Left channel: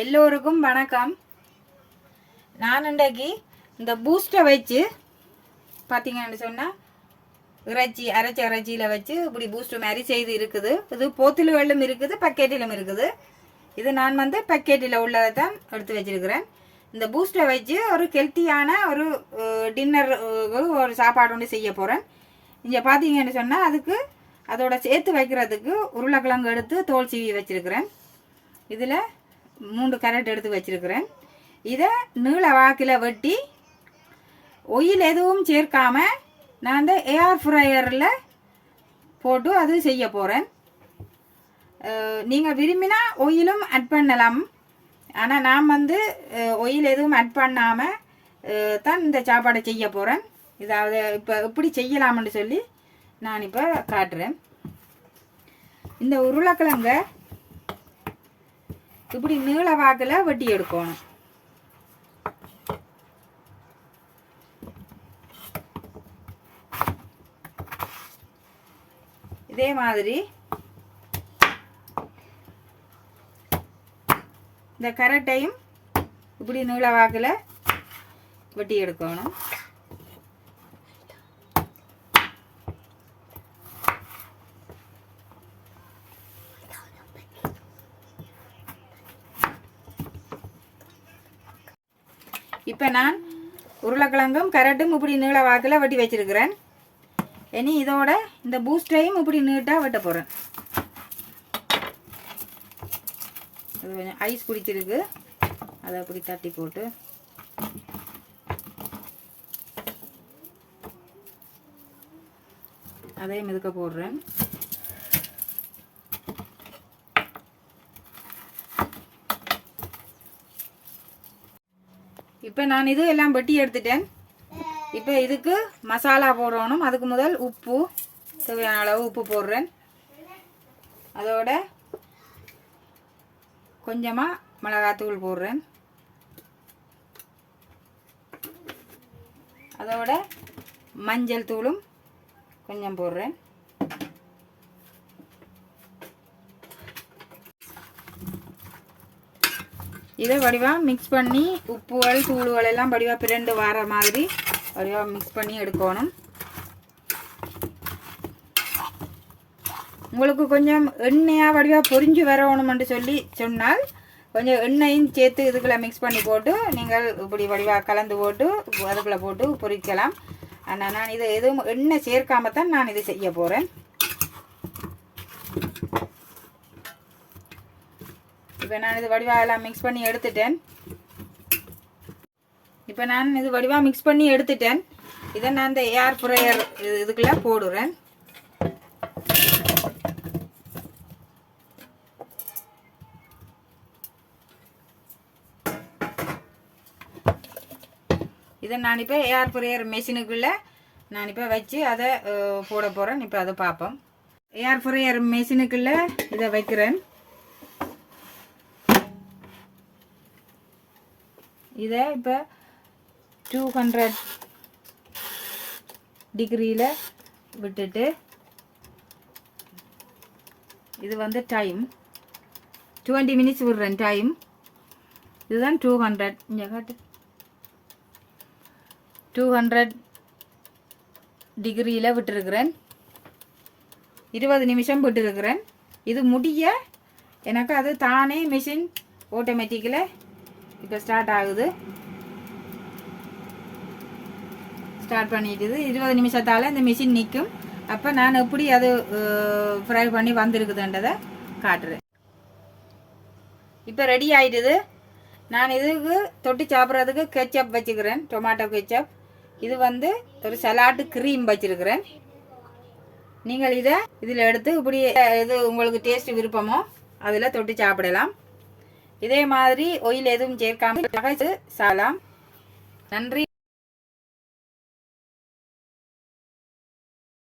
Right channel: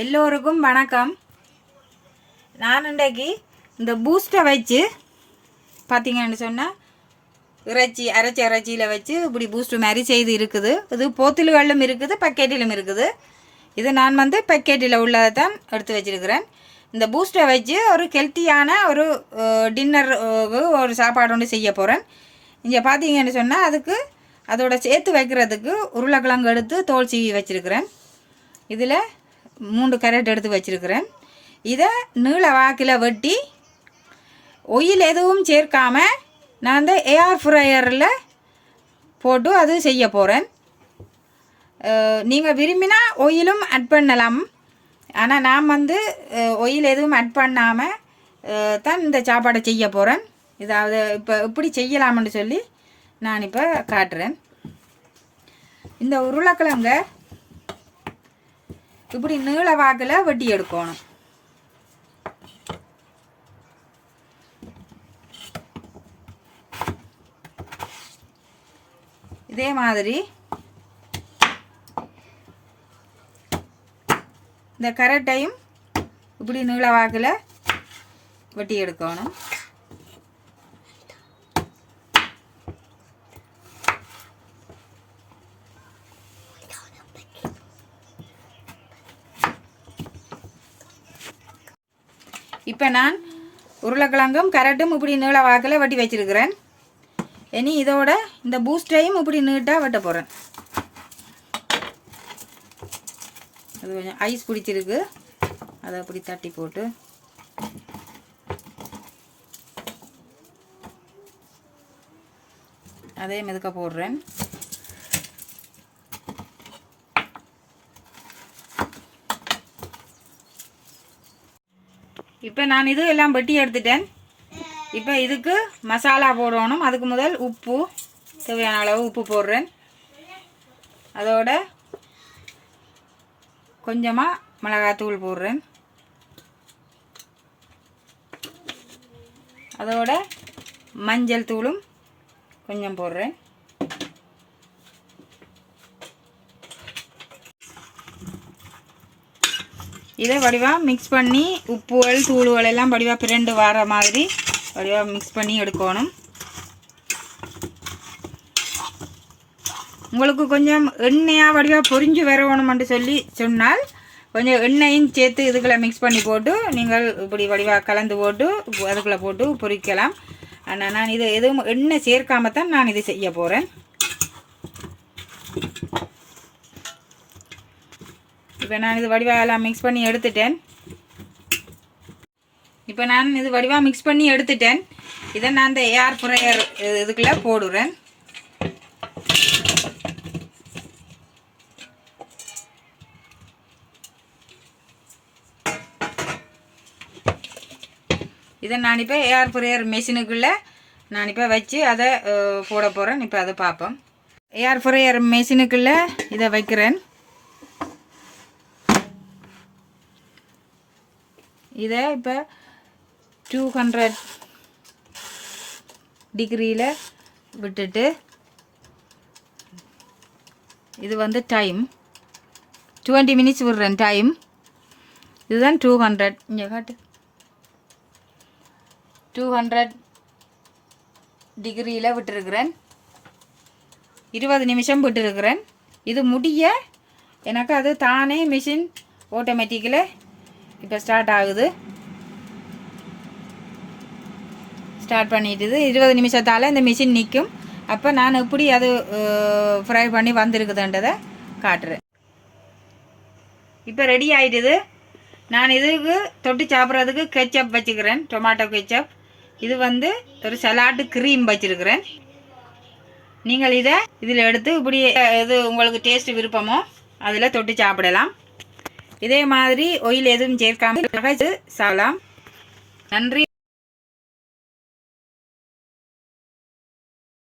எல்லோருக்கும் வணக்கம். நான் இன்றைக்கு இந்த பூஸ்ட்டை வச்சு பார்த்தீங்கன்னு சொன்னால் அரைச்ச இறைச்சியில் வச்சு இப்படி பூஸ்ட்டு மாதிரி செய்து இருக்குது. இது போத்தல்களிலும் இருக்குது, பக்கெட்டிலும் இருக்குது. இது நான் பக்கெட்டில் உள்ளதை தான் எடுத்து வச்சுருக்கிறேன். இந்த பூஸ்ட்டை வச்சு ஒரு ஹெல்த்தியான ஒரு டின்னர் ஒரு சாப்பாடு ஒன்று செய்ய போகிறேன். இங்கே பார்த்தீங்கன்னு சொன்னால் அதுக்கு அதோட சேர்த்து வைக்கிறதுக்கு உருளைக்கிழங்கு எடுத்து தோல் சீவி வச்சுருக்கிறேன். இதில் 3 கேரட் எடுத்து வச்சுருக்கிறேன். இதை நீள வாக்கில் வெட்டி ஒயில் எதுவும் சேர்க்காமல் நான் அந்த ஏர் ஃப்ரையரில் போட்டு அது செய்ய போகிறேன். நீங்கள் விரும்பினா ஒயிலும் ஆட் பண்ணலாம். ஆனால் நான் ஒயில் எதுவும் ஆட் பண்ணாமல் தான் இந்த சாப்பாடை செய்ய போகிறேன். இதாவது இப்போ எப்படி செய்யலாம்னு சொல்லி நான் இப்போ காட்டுறேன். இந்த உருளைக்கிழங்க இப்படி நீள வாக்கில் வெட்டி எடுக்கணும். இதே மாதிரி இந்த கரட்டையும் இப்படி நீள வாக்கில் வெட்டி எடுக்கணும். இப்போ நான் உருளைக்கிழங்கும் கரட்டும் இப்படி நீள வாக்கில் வெட்டி வச்சுருக்கிறேன். இனி இதோட இந்த பூஸ்டையும் இப்படி நீட்டாக வெட்ட போகிறேன். அது கொஞ்சம் ஐஸ் பிடிச்சிருக்கு, அதை அப்படி தட்டி போட்டு அதே மெதுக்க போடுறேன். இப்போ நான் இது எல்லாம் வெட்டி எடுத்துட்டேன். இப்போ இதுக்கு மசாலா போடணும். அதுக்கு முதல் உப்பு, தேவையான அளவு உப்பு போடுறேன். அதோட கொஞ்சமாக மிளகாத்தூள் போடுறேன். அதோட மஞ்சள் தூளும் கொஞ்சம் போடுறேன். இதை வடிவாக மிக்ஸ் பண்ணி உப்புகள் தூளுகள் எல்லாம் வடிவாக பிரண்டு வர மாதிரி வடிவாக மிக்ஸ் பண்ணி எடுக்கணும். உங்களுக்கு கொஞ்சம் எண்ணெயாக வடிவாக பொரிஞ்சு வரணும்னு சொல்லி சொன்னால் கொஞ்சம் எண்ணெயும் சேர்த்து இதுக்குள்ளே மிக்ஸ் பண்ணி போட்டு நீங்கள் இப்படி வடிவாக கலந்து போட்டு அதுக்குள்ளே போட்டு பொரிக்கலாம். ஆனால் நான் இதை எதுவும் எண்ணெய் சேர்க்காம தான் நான் இது செய்ய போகிறேன். இப்போ நான் இது வடிவாக எல்லாம் மிக்ஸ் பண்ணி எடுத்துட்டேன். இப்போ நான் இது வடிவாக மிக்ஸ் பண்ணி எடுத்துட்டேன். இதை நான் இந்த ஏர் ஃப்ரையர் இதுக்குள்ளே போடுறேன். இதை நான் இப்போ ஏர் ஃப்ரையர் மெஷினுக்குள்ளே நான் இப்போ வச்சு அதை போட போகிறேன். இப்போ அதை பார்ப்போம். ஏர் ஃப்ரையர் மெஷினுக்குள்ளே இதை வைக்கிறேன். இதை இப்போ 200 டிகிரியில் விட்டுட்டு இது டைம் 20 மினிட்ஸ் விடுறேன் டைம். இதுதான் 200. இங்கே காட்டு 200 டிகிரியில் விட்டுருக்கிறேன். 20 நிமிஷம் விட்டுருக்கிறேன். இது முடிய எனக்கு அது தானே மிஷின் ஆட்டோமேட்டிக்கில் இப்போ ஸ்டார்ட் ஆகுது. ஸ்டார்ட் பண்ணிட்டுது. 20 நிமிஷத்தால் இந்த மிஷின் நிற்கும். அப்போ நான் எப்படி அது ஃப்ரை பண்ணி வந்திருக்குதுன்றதை காட்டுறேன். இப்போ ரெடி ஆகிடுது. நான் இதுக்கு தொட்டு சாப்பிட்றதுக்கு கெச்சப் வச்சுக்கிறேன், டொமாட்டோ கெச்சப். இது ஒரு சலாட்டு க்ரீம் வச்சுருக்கிறேன். நீங்கள் இதை இதில் எடுத்து இப்படி இது உங்களுக்கு டேஸ்ட் விருப்பமோ அதில் தொட்டு சாப்பிடலாம். இதே மாதிரி ஒயில் எதுவும் சேர்க்காமல் சாப்பிடலாம். நன்றி.